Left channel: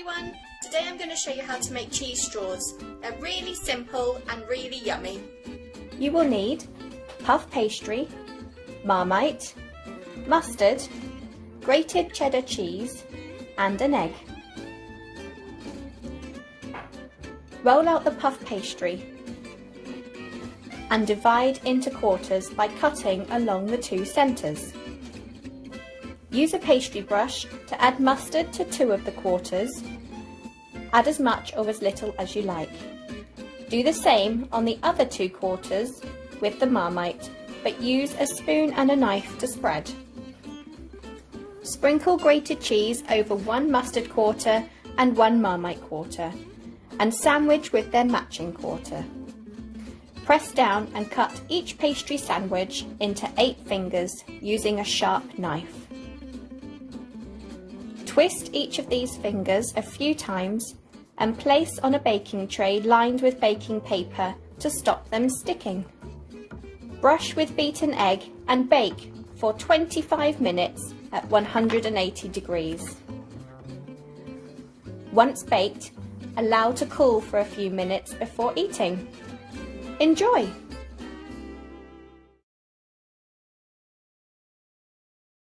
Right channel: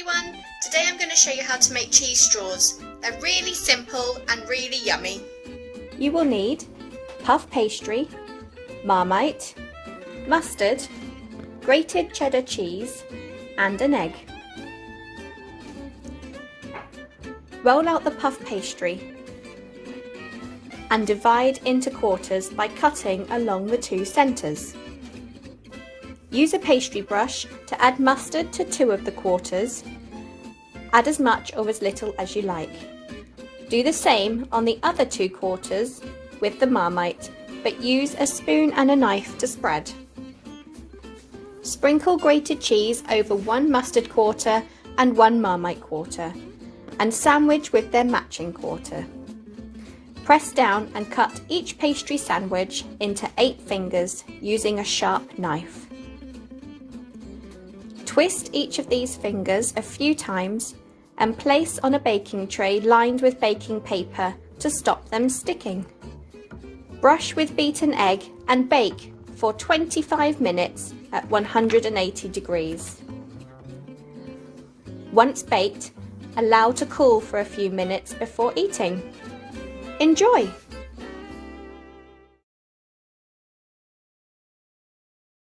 everyone! Today I'm going to show you how to make cheese straws. They're really simple and really yummy. You will need puff pastry, marmite, mustard, grated cheddar cheese and an egg. Roll out the puff pastry and divide into quarters by cutting along the two centres. Use a pastry brush to add mustard to 2 of the quarters. Add as much or as little as you like. Do the same on the other 2 quarters with the marmite, but use a spoon and a knife to spread. Sprinkle grated cheese over 1 mustard quarter and 1 marmite quarter, and sandwich with their matching quarter. Press down and cut each pastry sandwich into 8 fingers using a sharp knife. Twist each of these fingers a few times and place on a baking tray lined with baking paper to stop them sticking. Brush with beaten egg and bake for 25 minutes at 180 degrees. Once baked, allow to cool for a few minutes before eating. Enjoy!